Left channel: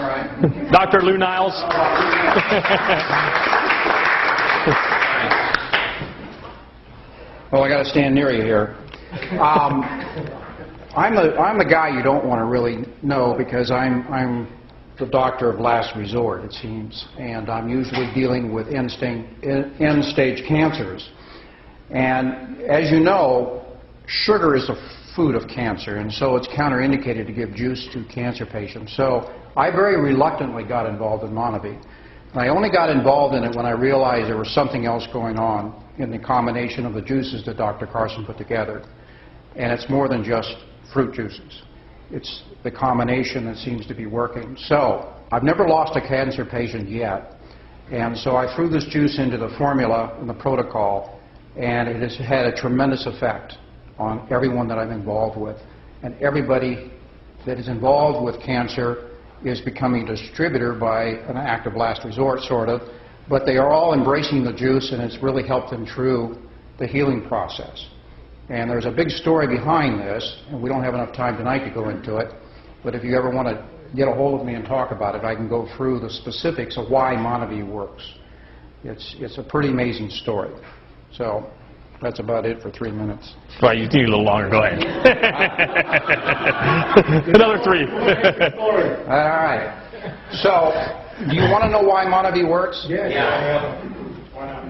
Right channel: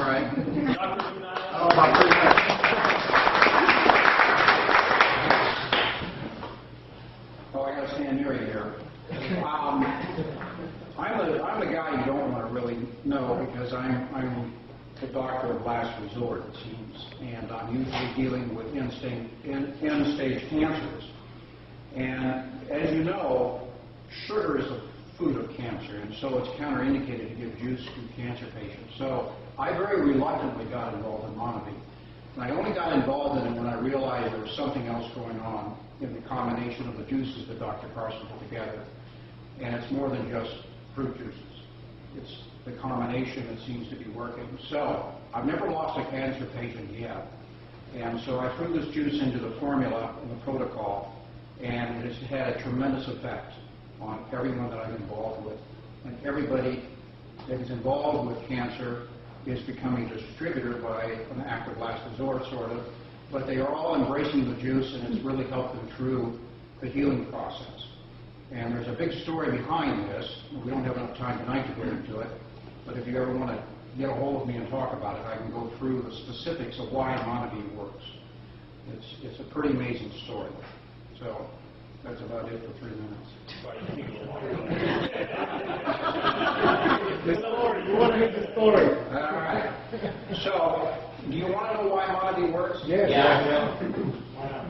All right. Dr. Lou Niles. Well, I got to stand near you here. I'm the guy you don't want to really know because I'm the doctor of last resort, it seems, and I'm usually dealing with end-stage cancers. And as you know, sugar is a food of cancer, and so it's counterindicated to give juice to cancer patients. So I very reluctantly got involved in Monavie. And I only got involved in it when I realized there was something else going on in the combination of the juices that Dr. Carson put together. And it's more than just fruit juices. It's the combination that seems to be working. So I've never lost a cancer patient yet. And so I threw this juice into the formula and the protocol, and it has had a tremendous effect on everyone that I'm involved with. And everybody that is involved with cancer is becoming a distributor by an act of last resort, sort of. But they are all embracing the juice, and it's really helped them through the healing process. And there's a big story behind this, and we don't have enough time tonight to go into it. But if you ever want to get a hold of me and talk about it, I can go through the specifics of why Monavie works. It's a pretty amazing story. So that's about it for 3 minutes. Well, you need a little longer. Go ahead. Another 3. All right. So, do you want to know why Monavie works? Yeah. Why not?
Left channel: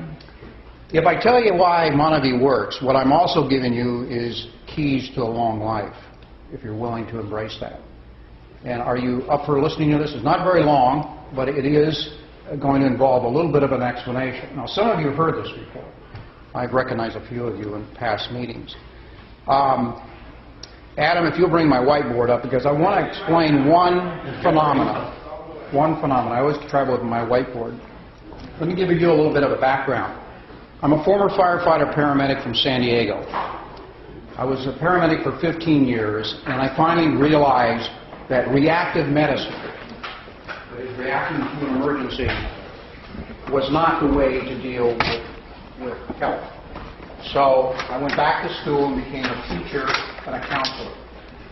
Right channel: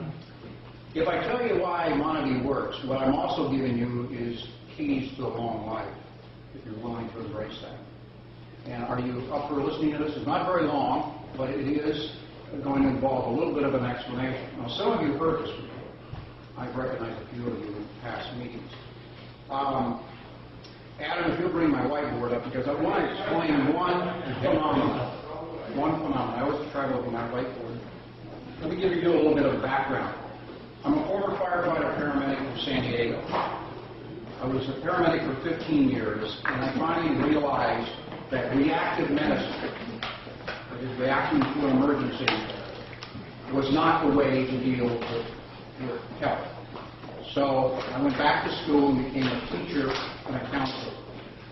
If I tell you why Monavie works, what I'm also giving you is keys to a long life, if you're willing to embrace that. And are you up for listening to this? It's not very long, but it is going to involve a little bit of an explanation. Now, some of you have heard this before. I've recognized a few of you in past meetings. Adam, if you'll bring my whiteboard up, because I want to explain one phenomenon. I always travel with my whiteboard. Let me give you a little bit of a background. I'm a former firefighter paramedic from San Diego. I was a paramedic for 15 years, and I finally realized that reactive medicine, that is reacting to an emergency, was not the way to deal with health. So I went back to school and became a teacher and a counselor.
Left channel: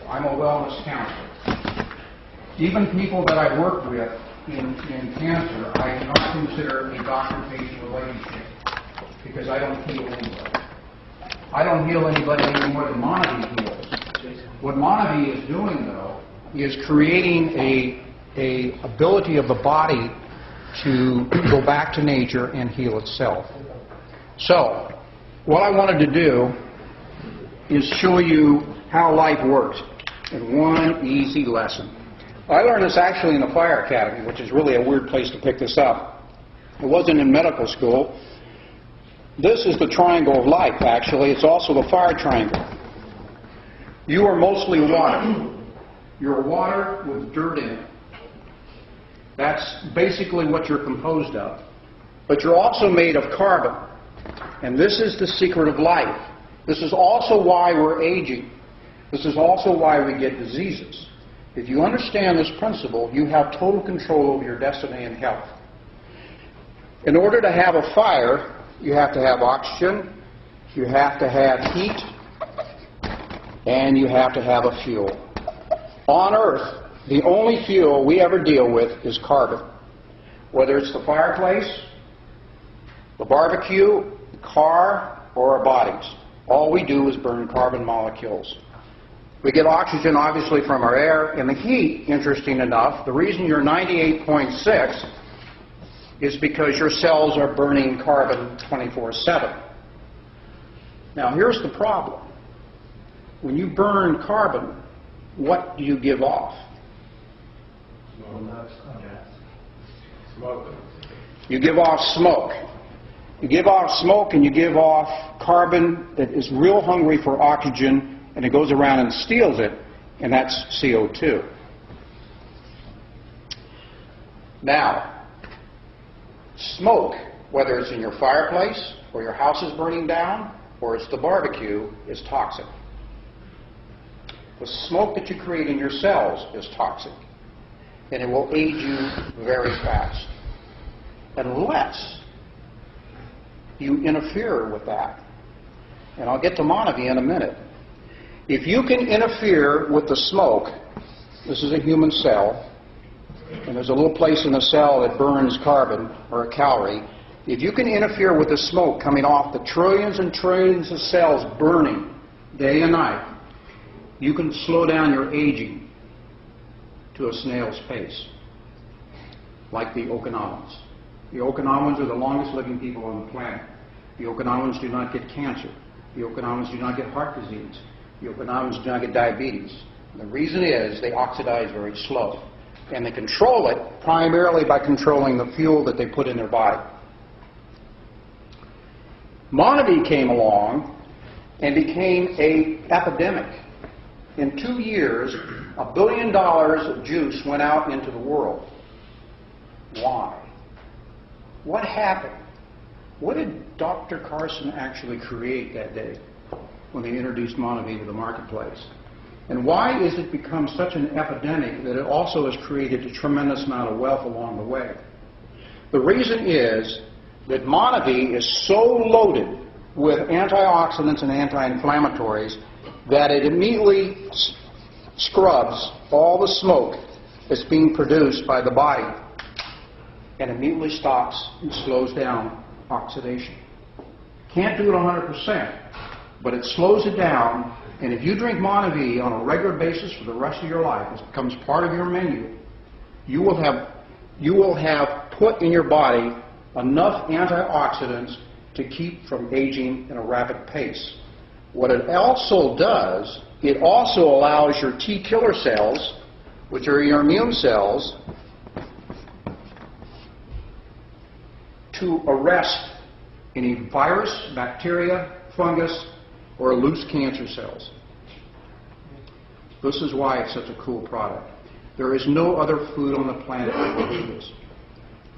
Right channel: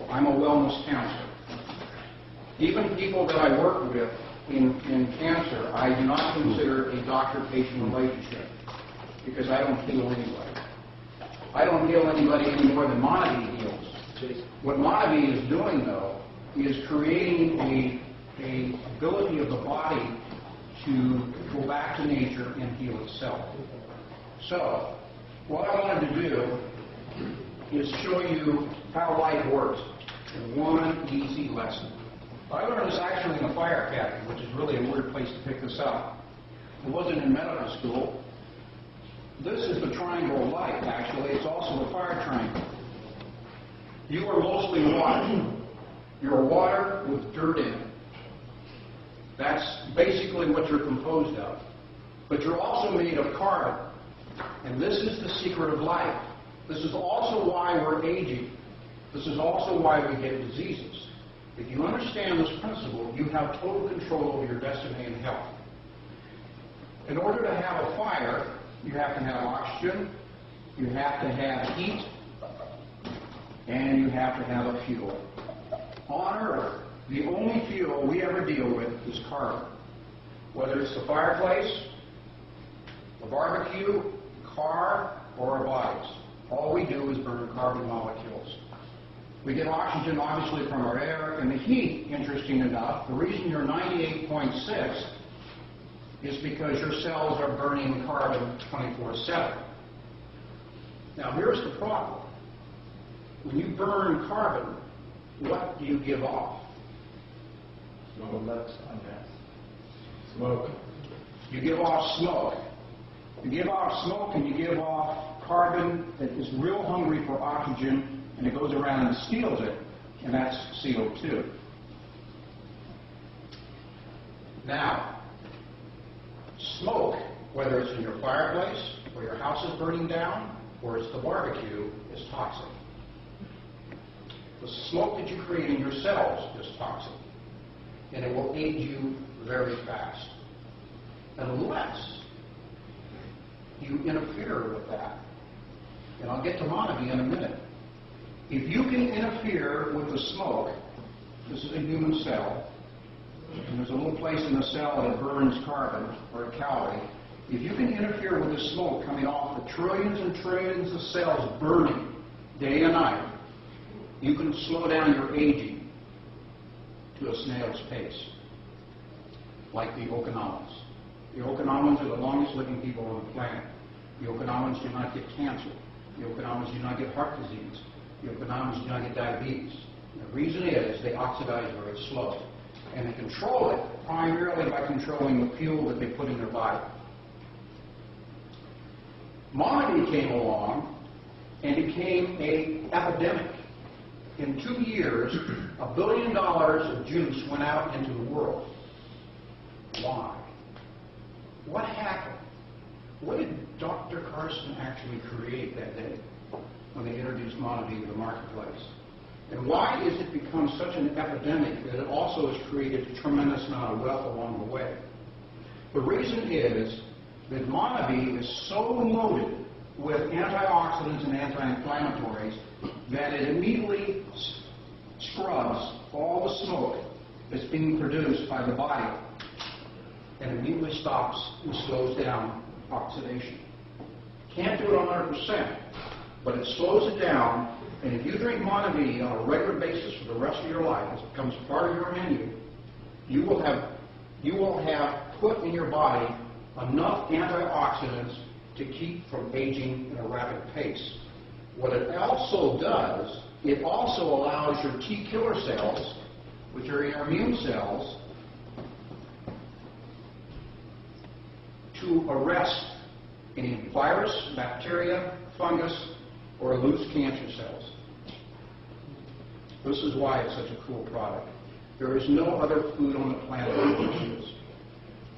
I'm a wellness counselor. Even people that I work with in cancer, I do not consider a doctor-patient relationship because I don't heal anybody. I don't heal anybody any more than Monavie heals. What Monavie is doing, though, is creating a ability of the body to go back to nature and heal itself. So, what I wanted to do is show you how life works in one easy lesson. I learned this actually in the fire academy, which is really a weird place to pick this up. It wasn't in medical school. This is the triangle of life, actually. It's also the fire triangle. You are mostly water. You're water with dirt in it. That's basically what you're composed of. But you're also made of carbon. And this is the secret of life. This is also why we're aging. This is also why we get diseases. If you understand this principle, you have total control over your destiny and health. In order to have a fire, you have to have oxygen, you have to have heat, and you have to have a fuel. On Earth, the only fuel we ever deal with is carbon. Whether it's the fireplace, the barbecue, the car, or our bodies. All we do is burn carbon molecules. We get oxygen, obviously, from our air, and the heat, interesting enough, the reason you're 98.6 is because your cells are burning carbon 24/7. Now, here's the problem. When you burn carbon, what do you give off? Smoke. You give off smoke. You give off smoke and you give off carbon that is real hungry for oxygen, and it goes around and steals it, and that's CO2. Now, smoke, whether it's in your fireplace or your house is burning down or it's the barbecue, is toxic. The smoke that you create in your cells is toxic, and it will age you very fast unless you interfere with that. And I'll get to Monavie in a minute. If you can interfere with the smoke, this is a human cell, and there's a little place in the cell that burns carbon or a calorie. If you can interfere with the smoke coming off the trillions and trillions of cells burning day and night, you can slow down your aging to a snail's pace, like the Okinawans. The Okinawans are the longest living people on the planet. The Okinawans do not get cancer. The Okinawans do not get heart disease. The Okinawans do not get diabetes. And the reason is they oxidize very slow. And they control it primarily by controlling the fuel that they put in their body. Monavie came along and became an epidemic. In 2 years, $1 billion of juice went out into the world. Why? What happened? What did Dr. Carson actually create that day when they introduced Monavie to the marketplace? And why is it become such an epidemic that it also has created a tremendous amount of wealth along the way? The reason is that Monavie is so loaded with antioxidants and anti-inflammatories that it immediately scrubs all the smoke that's being produced by the body and immediately stops and slows down oxidation. Can't do it 100%, but it slows it down, and if you drink Monavie on a regular basis for the rest of your life, it becomes part of your menu, you will have put in your body enough antioxidants to keep from aging in a rapid pace. What it also does, it also allows your T killer cells, which are your immune cells, to arrest any virus, bacteria, fungus, or loose cancer cells. This is why it's such a cool product. There is no other food on the planet that works with this.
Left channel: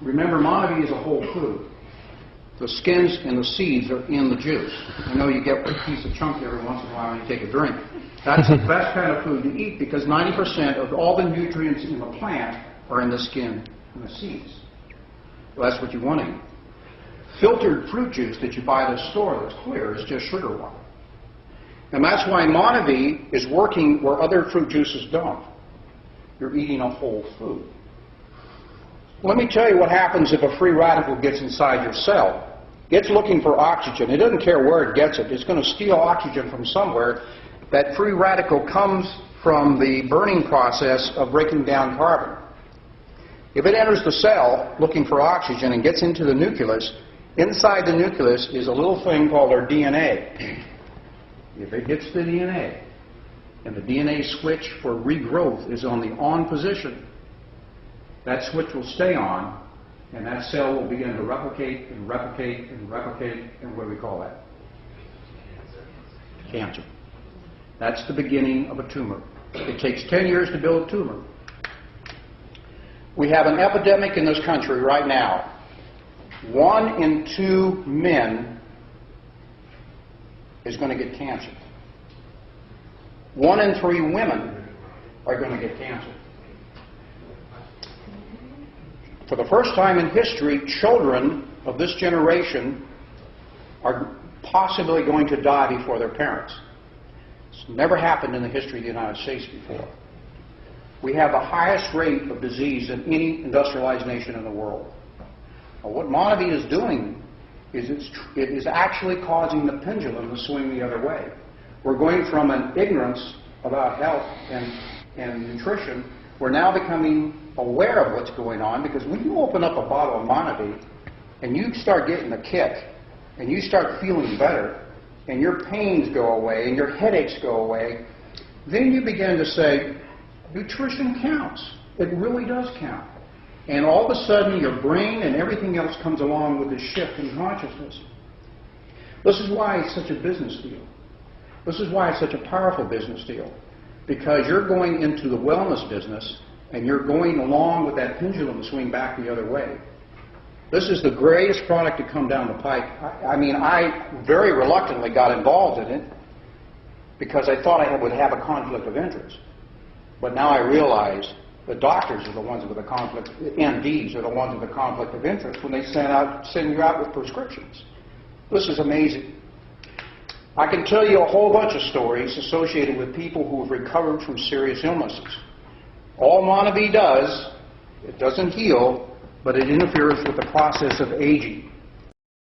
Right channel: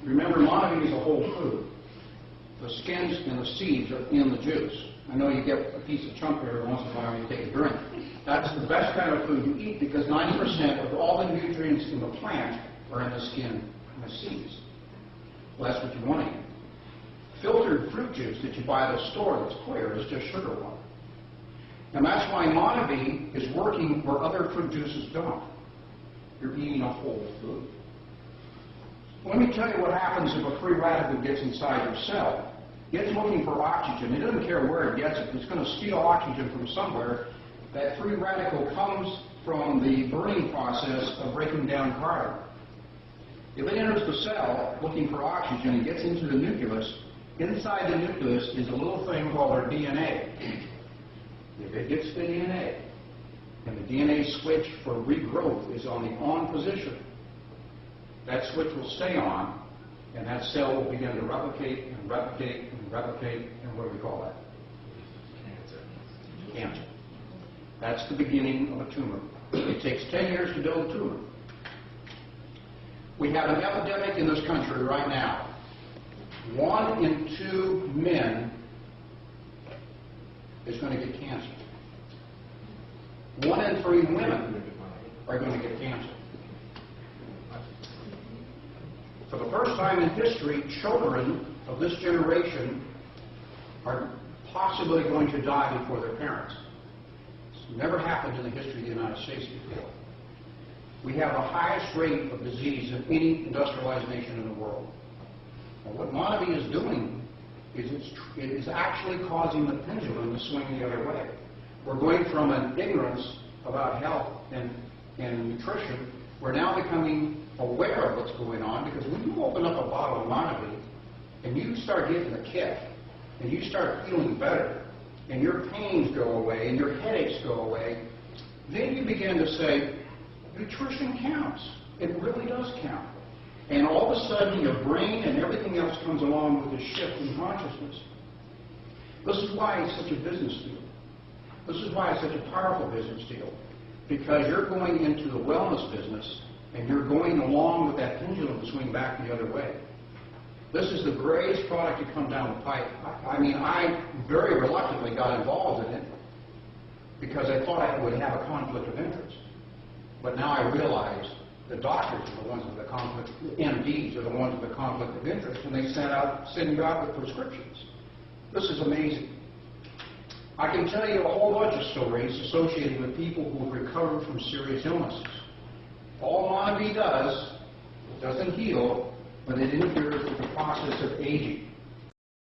Remember, Monavie is a whole food. The skins and the seeds are in the juice. I know you get a piece of chunk every once in a while when you take a drink. That's the best kind of food to eat because 90% of all the nutrients in the plant are in the skin and the seeds. Well, that's what you want to eat. Filtered fruit juice that you buy at the store that's clear is just sugar water. And that's why Monavie is working where other fruit juices don't. You're eating a whole food. Let me tell you what happens if a free radical gets inside your cell. It's looking for oxygen. It doesn't care where it gets it. It's going to steal oxygen from somewhere. That free radical comes from the burning process of breaking down carbon. If it enters the cell looking for oxygen and gets into the nucleus, inside the nucleus is a little thing called our DNA. If it hits the DNA, and the DNA switch for regrowth is on the on position, that switch will stay on, and that cell will begin to replicate and replicate and replicate, and what do we call that? Cancer. That's the beginning of a tumor. It takes 10 years to build a tumor. We have an epidemic in this country right now. 1 in 2 men is going to get cancer. 1 in 3 women are going to get cancer. For the first time in history, children of this generation are possibly going to die before their parents. It's never happened in the history of the United States before. We have the highest rate of disease in any industrialized nation in the world. Well, what Monavie is doing is it is actually causing the pendulum to swing the other way. We're going from an ignorance about health and nutrition. We're now becoming aware of what's going on, because when you open up a bottle of Monavie and you start getting a kick and you start feeling better and your pains go away and your headaches go away, then you begin to say, nutrition counts. It really does count. And all of a sudden your brain and everything else comes along with this shift in consciousness. This is why it's such a business deal. This is why it's such a powerful business deal. Because you're going into the wellness business and you're going along with that pendulum to swing back the other way. This is the greatest product to come down the pike. I very reluctantly got involved in it because I thought I would have a conflict of interest. But now I realize the doctors are the ones with the conflict, the MDs are the ones with the conflict of interest when they send you out with prescriptions. This is amazing. I can tell you a whole bunch of stories associated with people who have recovered from serious illnesses. All Monavie does It doesn't heal, but it interferes with the process of aging.